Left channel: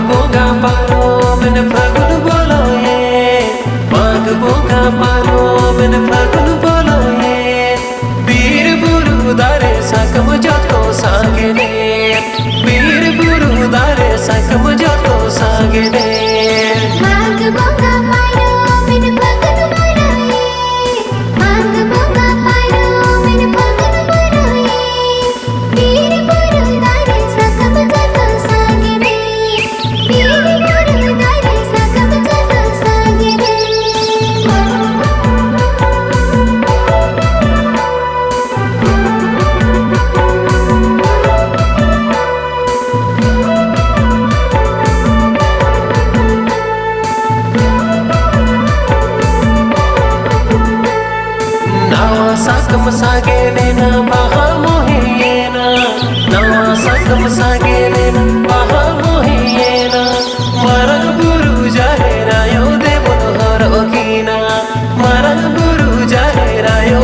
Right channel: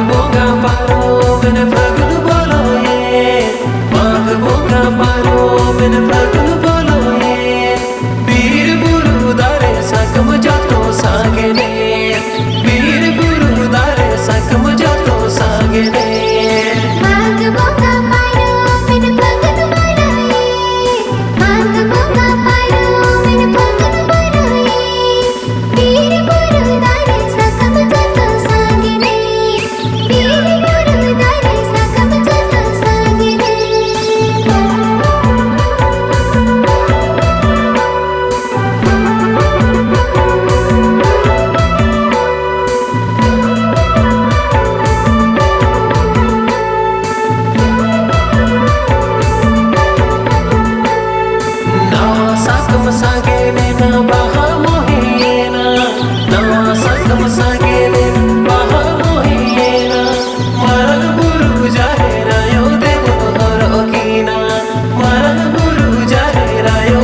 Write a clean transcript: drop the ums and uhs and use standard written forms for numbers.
बोगा पारो मैंने फागुन बोलो ये, माघ बोगा पारो मैंने फागुन बोलो ये। वीर बुरु दारे सकम जातो सागेने, वीर बुरु दारे सकम जातो सागेने। माघ बोगा पारो मैंने फागुन बोलो ये, माघ बोगा पारो मैंने फागुन बोलो ये। वीर बुरु दारे सकम जातो सागेने, वीर बुरु दारे सकम जातो सागेने। नवा सकम सागेने ना बहा मोहियेना, नवा सकम सागेने ना बहा मोहियेना। मरन बुरु जाहे रायो देव हर ओकीना, मरन बुरु जाहे रायो